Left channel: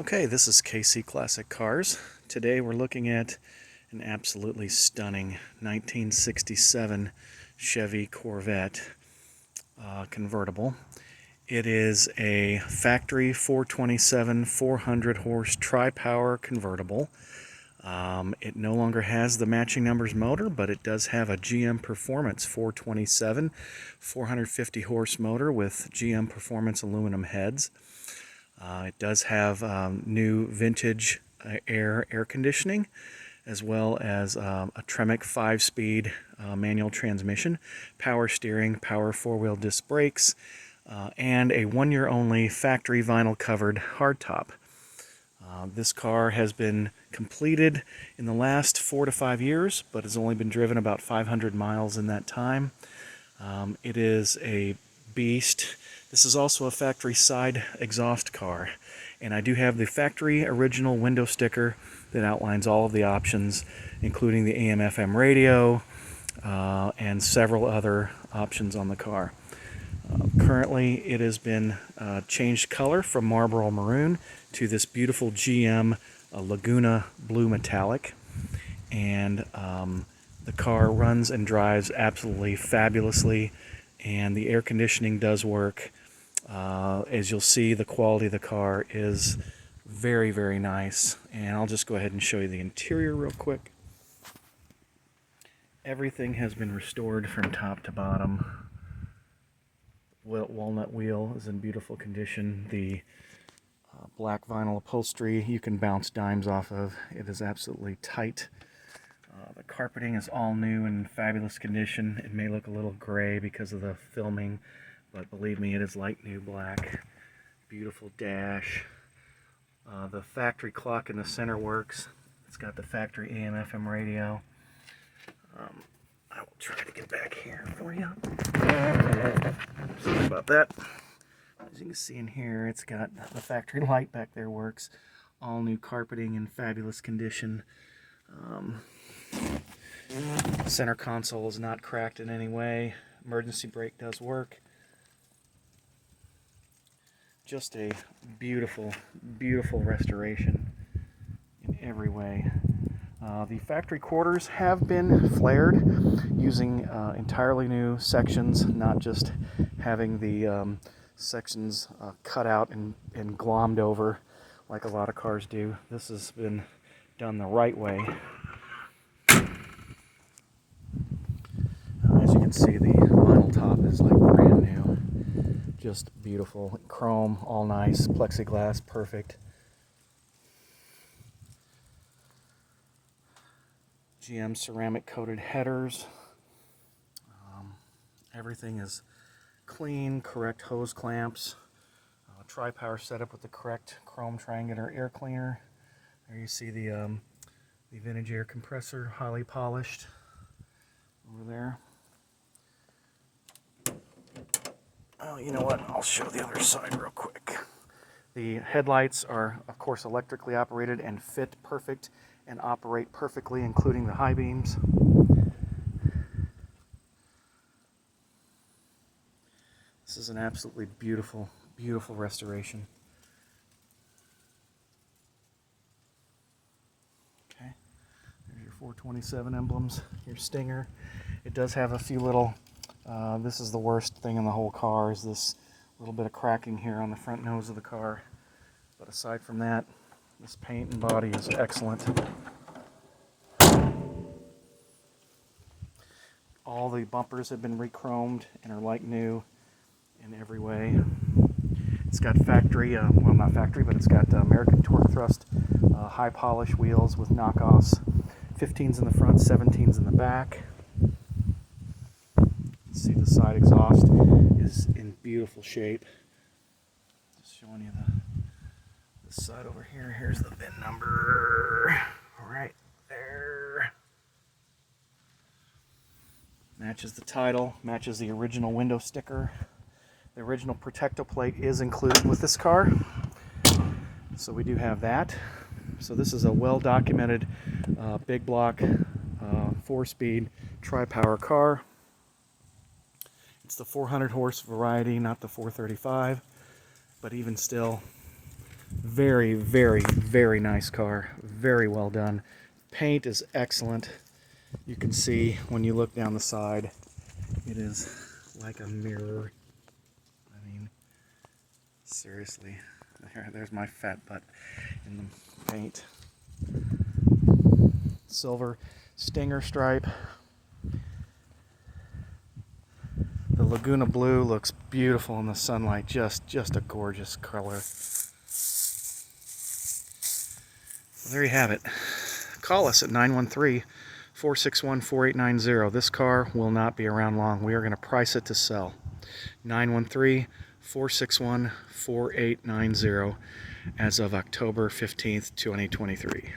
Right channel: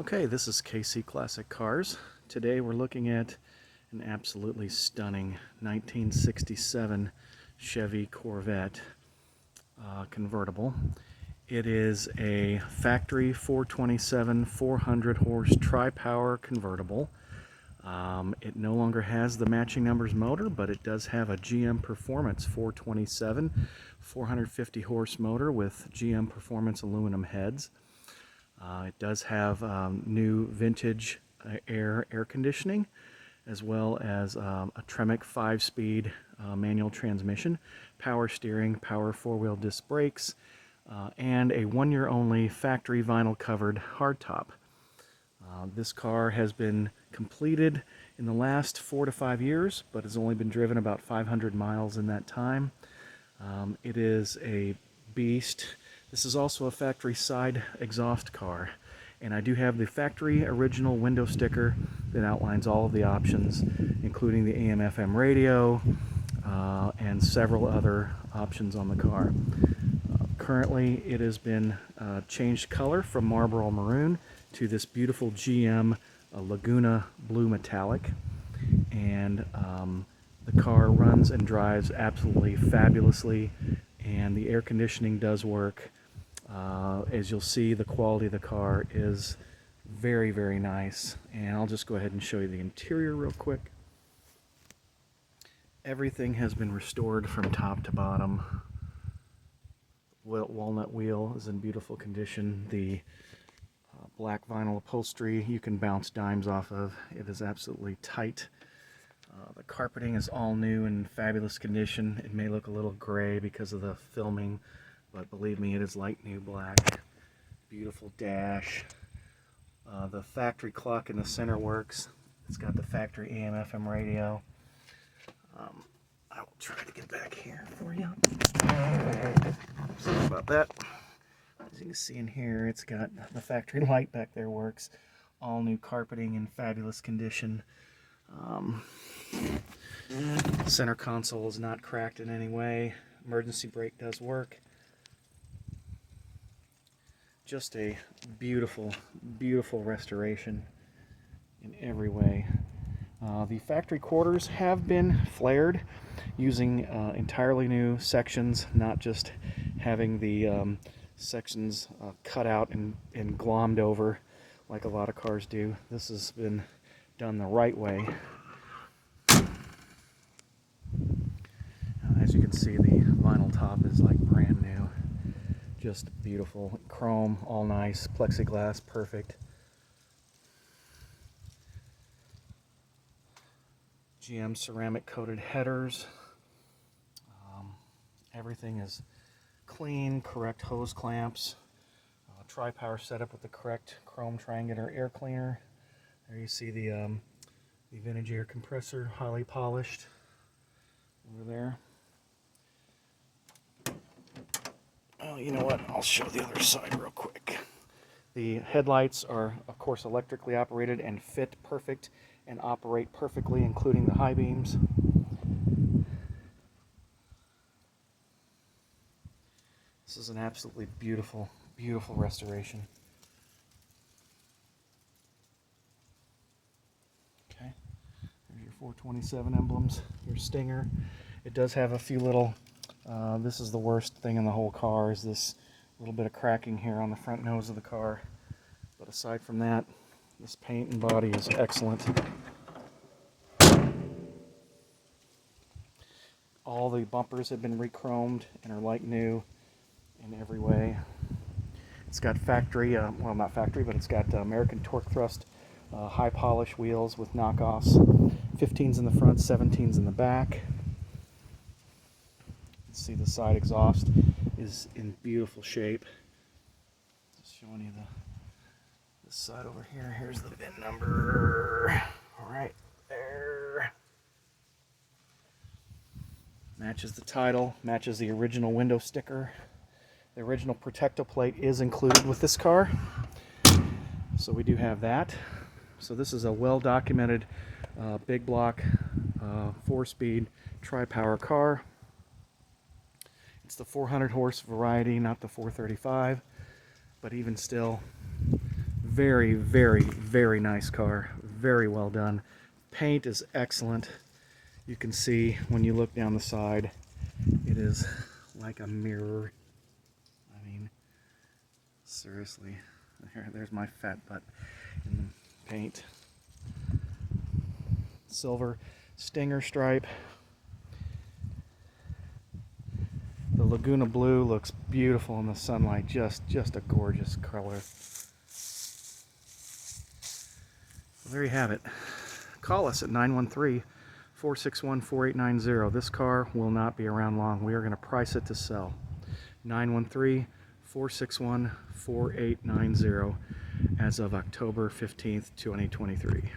Okay, this is KC Classic Cars. Today we're looking at an absolutely stunning 1967 Chevy Corvette convertible. It is a factory 427 400 horse tri-power convertible. It no longer has the matching numbers motor, but it does have a GM Performance 427 450 horse motor with GM Performance aluminum heads. It does have new vintage air conditioning, as well as a Tremec 5-speed manual transmission, power steering, power 4-wheel disc brakes, and a 1-year only factory vinyl covered hardtop. This car has been completed in the last 4 to 5 years, but has only been driven about 500 miles in that time. It is a beast. This is also a factory side exhaust car, and I do have the factory original window sticker that outlines all of the options, including the AM/FM radio and several other options on the car. Currently it has been changed color from Marlboro Maroon to this beautiful GM Laguna Blue Metallic, and the car runs and drives absolutely fabulously, and the air conditioning does work. As you'll see, the quality of the car is very, very nice, and I'll just go ahead and show you the interior real quick. Everything has been restored from top to bottom. Walnut wheel is in beautiful condition. The black vinyl upholstery you can bounce dimes off of. It is absolutely tight. The carpeting is all new and in fabulous condition. It may look a little gray because of the filming, but believe me, it is like new black. Beautiful dash. The factory clock in the center works. It's got the factory AM/FM radio. I will try to get back here for you. Sorry about that. As you can see in here, it's got the factory light back there works. All new carpeting in fabulous condition. Center console is not cracked in any way. Emergency brake does work. Just a beautiful, beautiful restoration in every way. The factory quarters have been flared using entirely new sections, not just having the sections cut out and glommed over like a lot of cars do. This has been done the right way. As you can see, the vinyl top is like brand new. Just beautiful. Chrome, all nice. Plexiglass, perfect. GM ceramic coated headers. Everything is clean, correct hose clamps. Tri-power setup with the correct chrome triangular air cleaner. There you see the vintage air compressor, highly polished over there. Oh, you know what? I'll show the other side real quick. The headlights are, of course, electrically operated and fit perfect and operate perfectly, including the high beams. This is an absolutely beautiful, beautiful restoration. Okay, there's your 427 emblems, your stinger. It does have a few little, this is the worst thing in the whole car, is this little bit of cracking here on the front nose of the car. But aside from that, this paint and body is excellent. All the bumpers have been re-chromed and are like new in every way. It's got factory, well, not factory, but it's got American Torque Thrust high polish wheels with knockoffs. 15s in the front, 17s in the back. See, the side exhaust is in beautiful shape. Just showing you the side over here. Here's the VIN number right there. Matches the title, matches the original window sticker. The original Protecto plate is included with this car, so we do have that. So this is a well-documented big block 4-speed tri-power car. It's the 400 horse variety, not the 435, but even still, Very, very, very nice car. Very well done. Paint is excellent. You can see when you look down the side, it is like a mirror. I mean, seriously. There's my fat butt in the paint. Silver stinger stripe. The Laguna blue looks beautiful in the sunlight. Just a gorgeous color. Well, there you have it. Call us at 913-461-4890. This car will not be around long. We are going to price it to sell. 913-461-4890 as of October 15th, 2023.